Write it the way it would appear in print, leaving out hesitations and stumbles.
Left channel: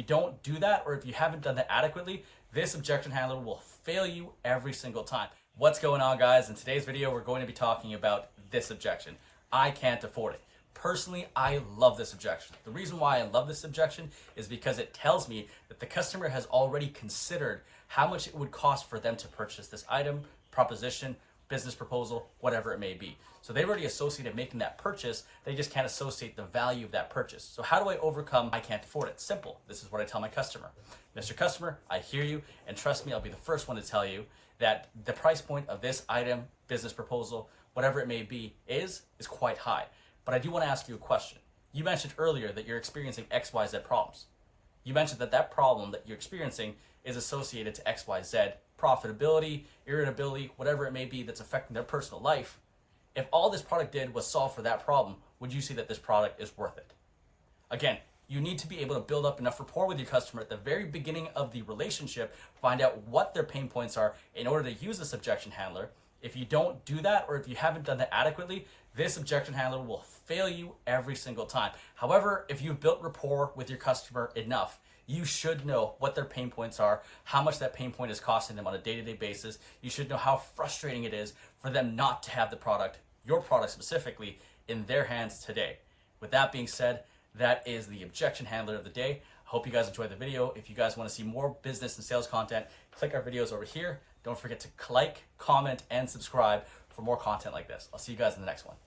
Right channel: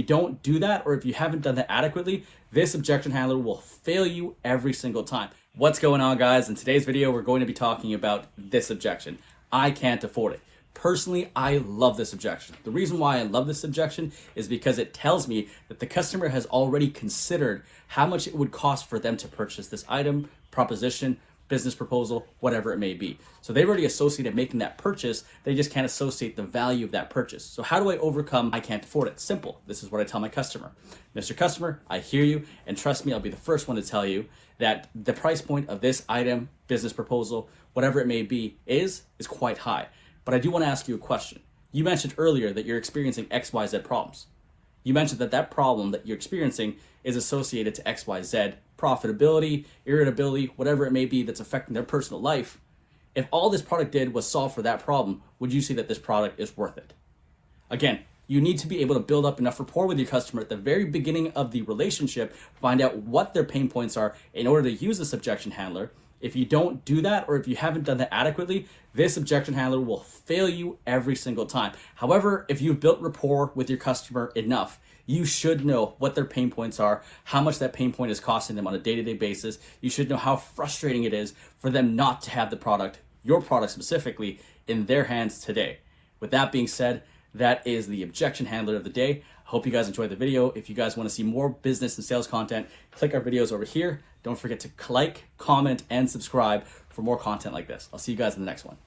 you don't do that, or if you haven't done that adequately, this objection handler will fail you every single time. What's going on, guys? In today's video, we're going to be talking about this objection. I can't afford it. Personally, I love this objection. The reason why I love this objection is because it tells me that the customer has already considered how much it would cost for them to purchase this item, proposition, business proposal, whatever it may be. So they've already associated making that purchase. They just can't associate the value of that purchase. So how do I overcome I can't afford it? Simple. This is what I tell my customer. Mr. Customer, I hear you, and trust me, I'll be the first one to tell you that the price point of this item, business proposal, whatever it may be, is quite high. But I do want to ask you a question. You mentioned earlier that you're experiencing XYZ problems. You mentioned that that problem that you're experiencing is associated to XYZ, profitability, irritability, whatever it may be that's affecting their personal life. If all this product did was solve for that problem, would you say that this product is worth it? Again, you need to be able to build up enough rapport with your customer at the very beginning of the relationship, find out what their pain points are in order to use this objection handler. If you don't do that, or if you haven't done that adequately, this objection handler will fail you every single time. However, if you've built rapport with your customer enough, you should know what their pain points are, how much that pain point is costing them on a day-to-day basis. You should know how frustrating it is for them not to have the product, your product specifically, in their hands today. With that being said, that is the objection handler of the day. I hope you guys enjoyed the video. If you guys want to see more business and sales content, click our videos over here. Don't forget to like, comment, and subscribe for more content like this. I'll see you guys in the next one.